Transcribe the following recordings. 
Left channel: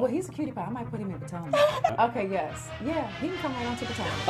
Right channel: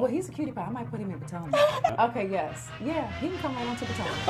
Well, he's a cutie pie. I might put him in Potomac. Okay, yes. Yeah, he can come right on to Potomac.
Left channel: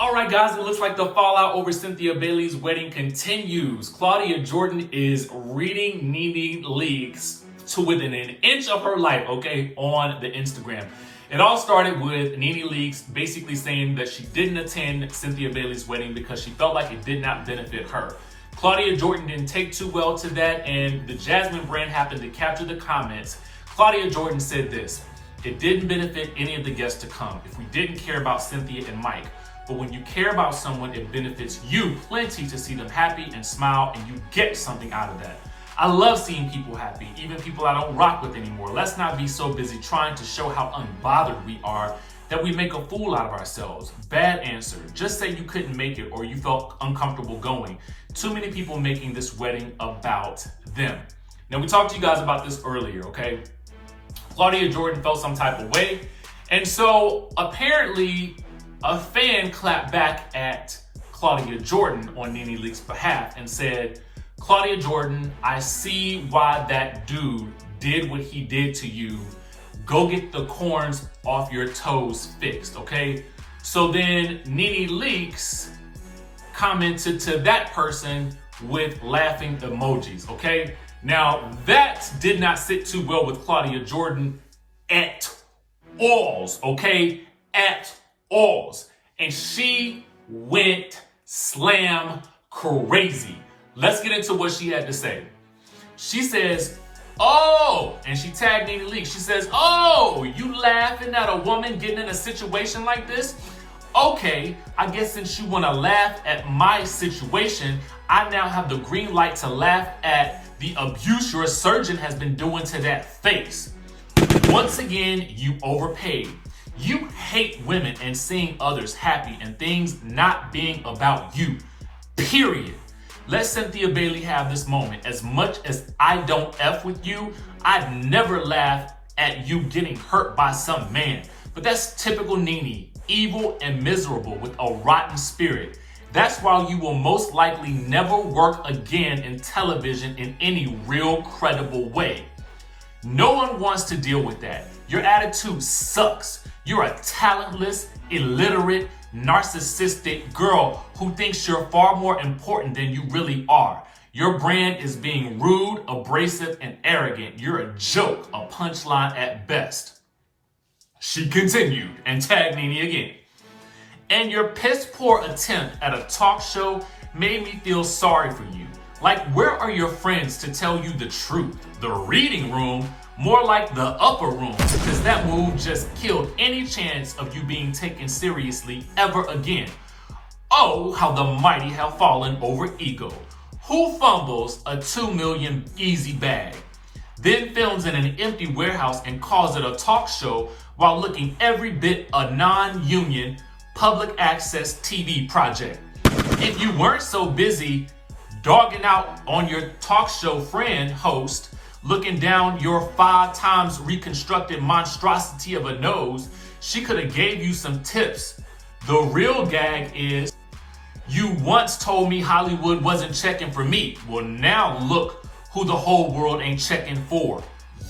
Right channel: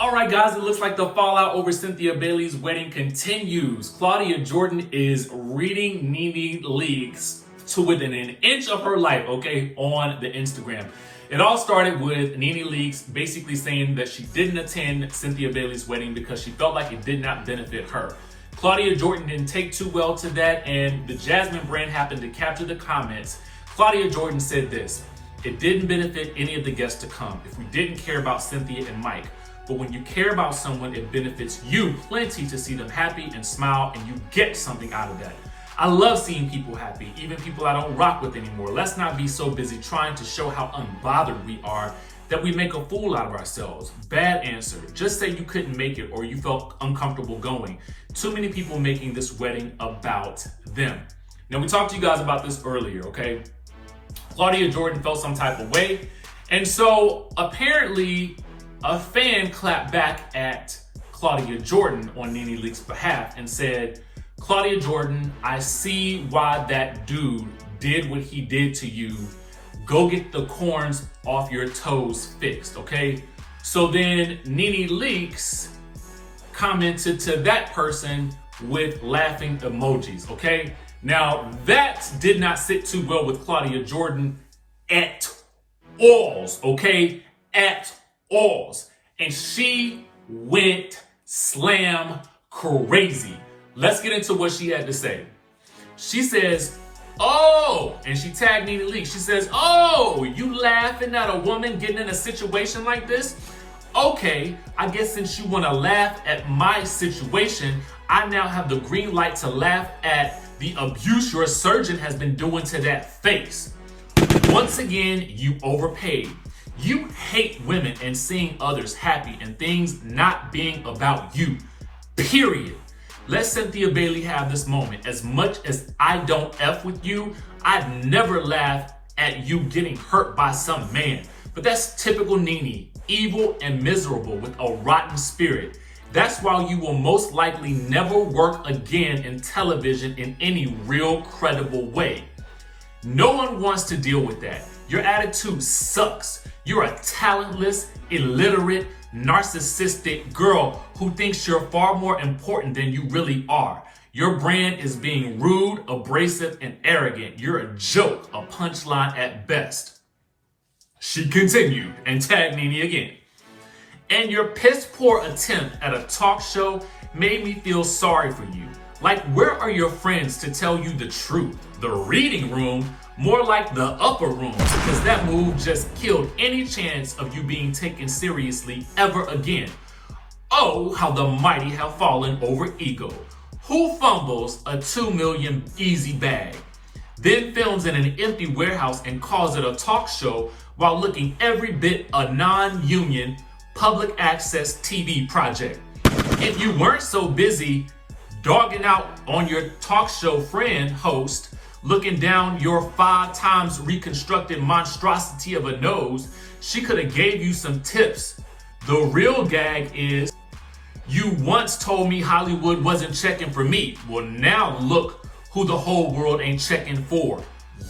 All right, guys, it looks like the fallout over Cynthia Bailey's wedding continues. Claudia Jordan is reading Nene leaks to within an inch of her life, okay, on the Instagram. It all started with Nene leaks basically saying that she didn't attend Cynthia Bailey's wedding because she felt like it did not benefit her. Claudia Jordan didn't take too well to that, and the Jasmine brand happened to capture the comments. Claudia Jordan said this: "It didn't benefit any of the guests to come if we didn't care about Cynthia and Mike. But when you care about someone, it benefits you plenty to see them happy and smile, and you get something out of that. I love seeing people happy, even people I don't rock with anymore. Let's not be so busy trying to show how unbothered we are that we make a fool out of ourselves." Bad answer. Just say you couldn't make it or you felt uncomfortable going. Too many people making this wedding about them. Now, we talked to you guys about this earlier, okay? Claudia Jordan felt some type of way. And so apparently a fan clapped back at Claudia Jordan on Nene Leakes' behalf and said, "Claudia Jordan, I see why that dude did what he did to you. Go get the corns off your toes fixed," okay? So then Nene Leakes commented to that person with laughing emojis, okay? Now, that did not sit too well with Claudia Jordan at all, okay? At all. And she went slam crazy. Let's get into what she had to say. She says, "Oh," and she tagged Nene Leakes. She says, "Oh, you laughing at a woman getting in a situation like this? Okay, I guess since you want to laugh at my situation, I now have the green light to laugh at the abuse your surgeon has been doing to that face. Once again, you overpaid. You hate women and seeing others happy and things not being about you. Period. Let Cynthia Bailey have this moment. As much as I don't F with you, I'd never laugh at you getting hurt by some man. But that's typical Nene, evil and miserable with a rotten spirit. That's why you will most likely never work again in television in any real credible way. No one wants to deal with that. Your attitude sucks. You're a talentless, illiterate, narcissistic girl who thinks you're far more important than you really are. Your brand is being rude, abrasive, and arrogant. You're a joke, a punchline at best." She continued and tagged Nene again. "And your piss poor attempt at a talk show made me feel sorry for you. Like, where are your friends to tell you the truth? The reading room? More like the upper room, because that move just killed any chance of you being taken seriously ever again. Oh, how the mighty have fallen over ego. Who fumbles a $2 million easy bag, then films in an empty warehouse and calls it a talk show while looking every bit a non-union public access TV project? If you weren't so busy dogging out on your talk show friend host, looking down your 5 times reconstructed monstrosity of a nose, she could have gave you some tips. The real gag is, you once told me Hollywood wasn't checking for me. Well, now look who the whole world ain't checking for.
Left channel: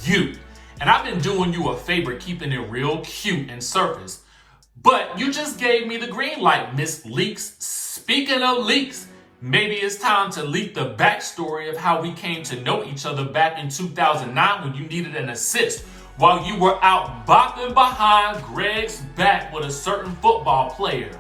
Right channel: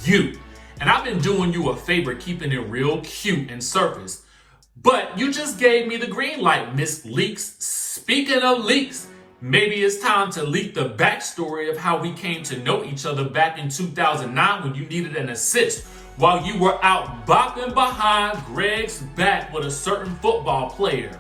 You. And I've been doing you a favor keeping it real cute and surface. But you just gave me the green light, Miss Leakes. Speaking of leaks, maybe it's time to leak the backstory of how we came to know each other back in 2009 when you needed an assist while you were out bopping behind Greg's back with a certain football player.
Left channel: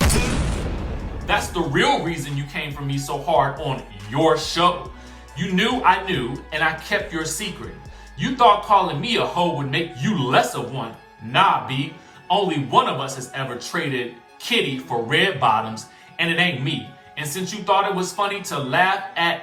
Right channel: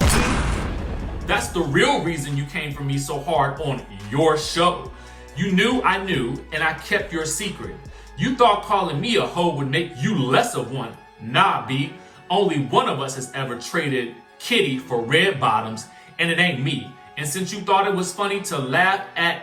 That's the real reason you came for me so hard on your show. You knew I knew, and I kept your secret. You thought calling me a hoe would make you less of one. Nah, B. Only one of us has ever traded kitty for red bottoms, and it ain't me. And since you thought it was funny to laugh at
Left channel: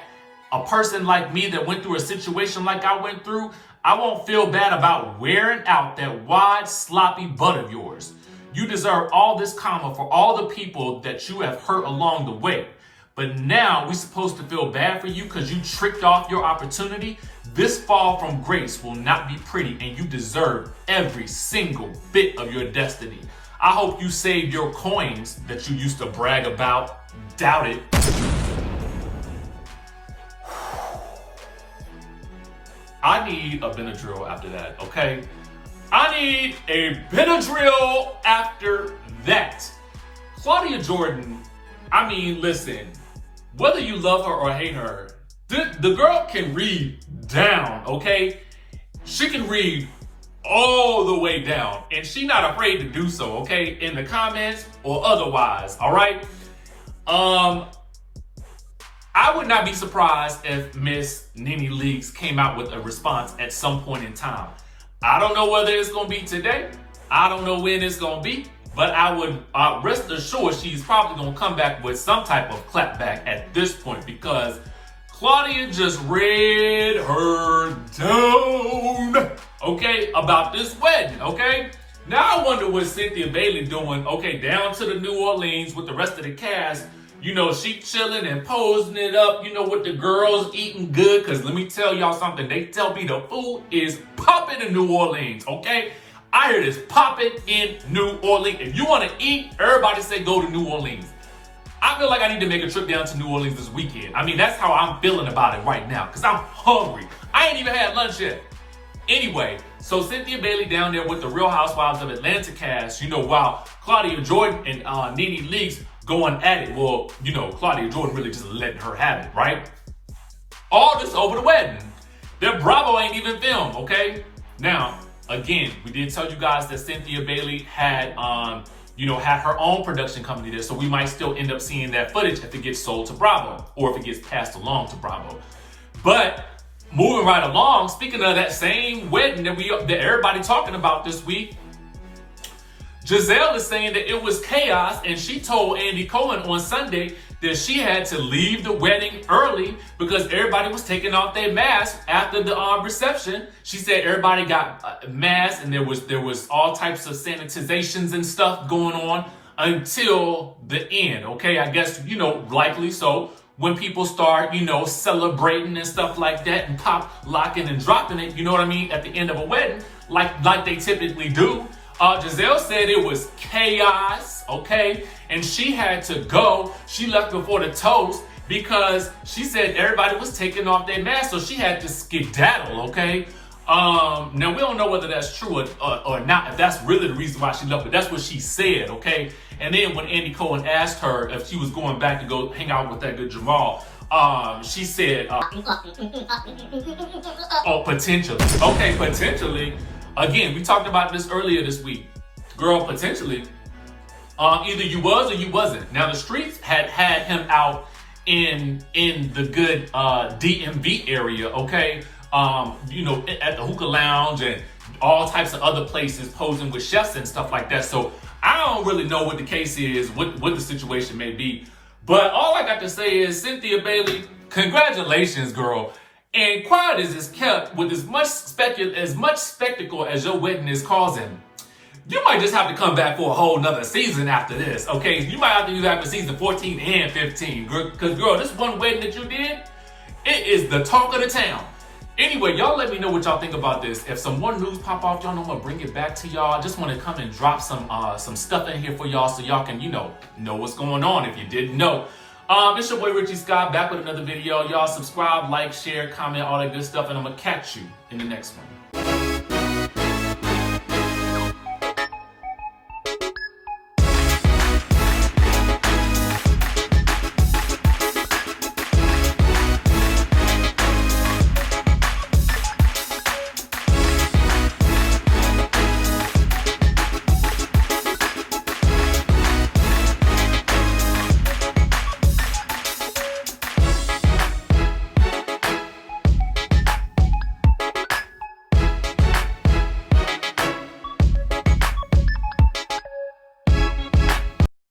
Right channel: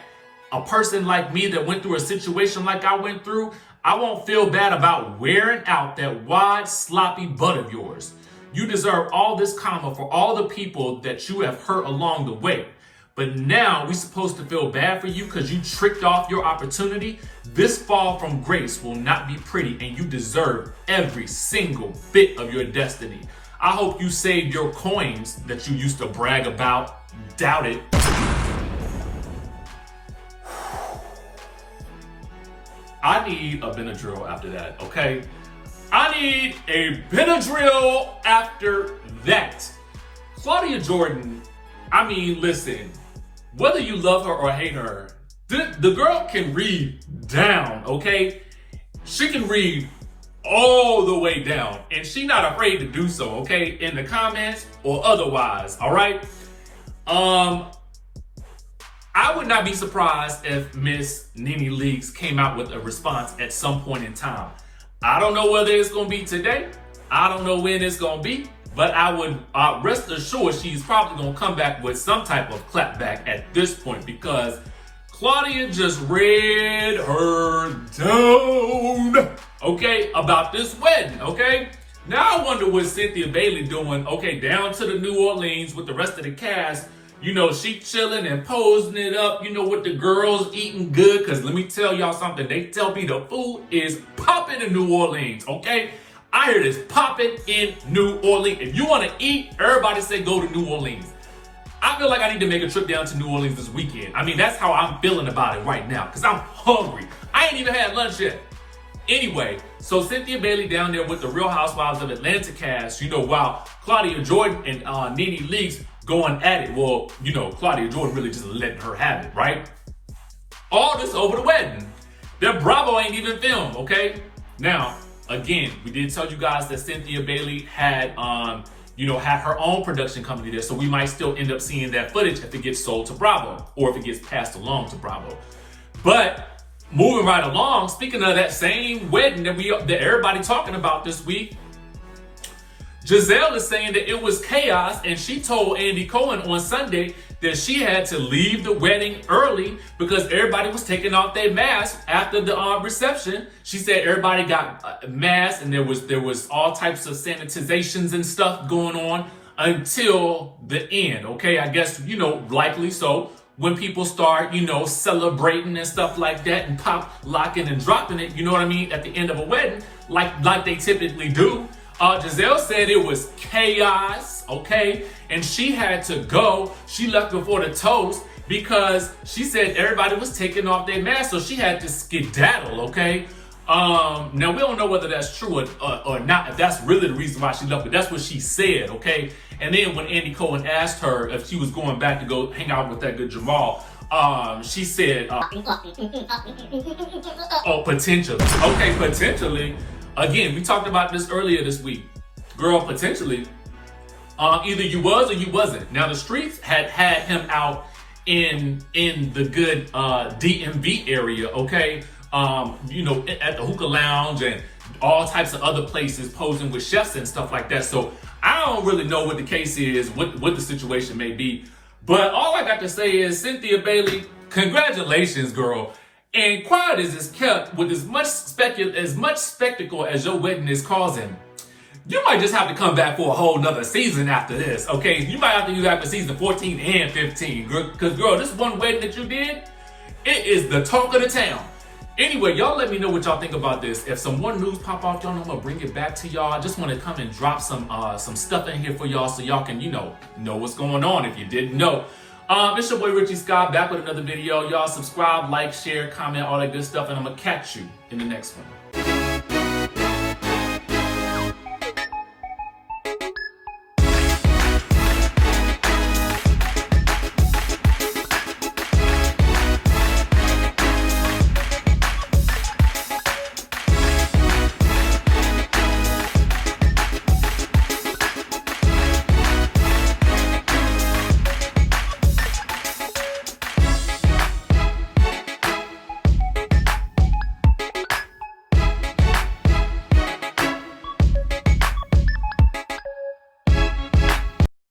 a person like me that went through a situation like I went through, I won't feel bad about wearing out that wide, sloppy butt of yours. You deserve all this karma for all the people that you have hurt along the way. but now we're supposed to feel bad for you because you tricked off your opportunity. This fall from grace will not be pretty, and you deserve every single bit of your destiny. I hope you saved your coins that you used to brag about. Doubt it. I need a Benadryl after that, okay? I need a Benadryl after that. Claudia Jordan, I mean, listen, whether you love her or hate her, the girl can read down, okay? She can read all the way down, and she's not afraid to do so, okay? In the comments or otherwise, all right? I would not be surprised if Miss Nene Leakes came out with a response at some point in time. I don't know whether it's gonna be today. I don't know when it's gonna be, but I would rest assured she's probably gonna come back with some type of clapback at this point, because Claudia just read her down, okay, about this wedding, okay? Now I wonder what Cynthia Bailey doing, okay, down to the New Orleans with the rest of the cast. You know, she chilling and posing it up, you know, with the girls eating good. Because let me tell y'all something. They tell me the food is popping in New Orleans, okay? I heard it's popping in New Orleans. If you want to eat, everybody say go to New Orleans. I feel like I need to make a trip down to New Orleans this weekend. I mean, that's how I'm feeling about it right now. Because I'm hungry. I ain't even had lunch yet. Anyway, so Cynthia Bailey down there with the Real Housewives of Atlanta cast, you know, while Claudia Jordan and Nene Leakes going at it. Well, you know, Claudia Jordan really just letting her have it, right? All this over the wedding. That Bravo ain't even filmed, okay? Now, again, we did tell you guys that Cynthia Bailey had, had her own production company there, so we might still end up seeing that footage if it gets sold to Bravo or if it gets passed along to Bravo. But moving right along, speaking of that same wedding that everybody talking about this week, Gizelle is saying that it was chaos, and she told Andy Cohen on Sunday that she had to leave the wedding early because everybody was taking off their masks after the reception. She said everybody got masks, and there was all types of sanitizations and stuff going on until the end. Okay, I guess, you know, likely so. When people start, you know, celebrating and stuff like that and pop locking and dropping it, you know what I mean, at the end of a wedding, like they typically do. Gizelle said it was chaos, okay? And she had to go. She left before the toast because she said everybody was taking off their masks, so she had to skedaddle, okay? Now, we don't know whether that's true or not, if that's really the reason why she left, but that's what she said, okay? And then when Andy Cohen asked her if she was going back to go hang out with that good Jamal, she said, oh, potentially. Okay, potentially. Again, we talked about this earlier this week. Girl, potentially, either you was or you wasn't. Now, the streets had him out in the good DMV area, okay? You know, at the hookah lounge and all types of other places posing with chefs and stuff like that. So I don't really know what the case is, what the situation may be. But all I got to say is, Cynthia Bailey, congratulations, girl. And quiet as it's kept with as much spectacle as your wedding is causing, you might just have to come back for a whole nother season after this, okay? You might have to use after season 14 and 15. Because, girl, this one wedding that you did, it is the talk of the town. Anyway, y'all let me know what y'all think about this. If some more news pop off, y'all know I'm gonna bring it back to y'all. I just want to come and drop some stuff in here for y'all so y'all can, you know what's going on if you didn't know. It's your boy RHOA back with another video. Y'all subscribe, like, share, comment, all that good stuff, and I'm gonna catch you in the next one.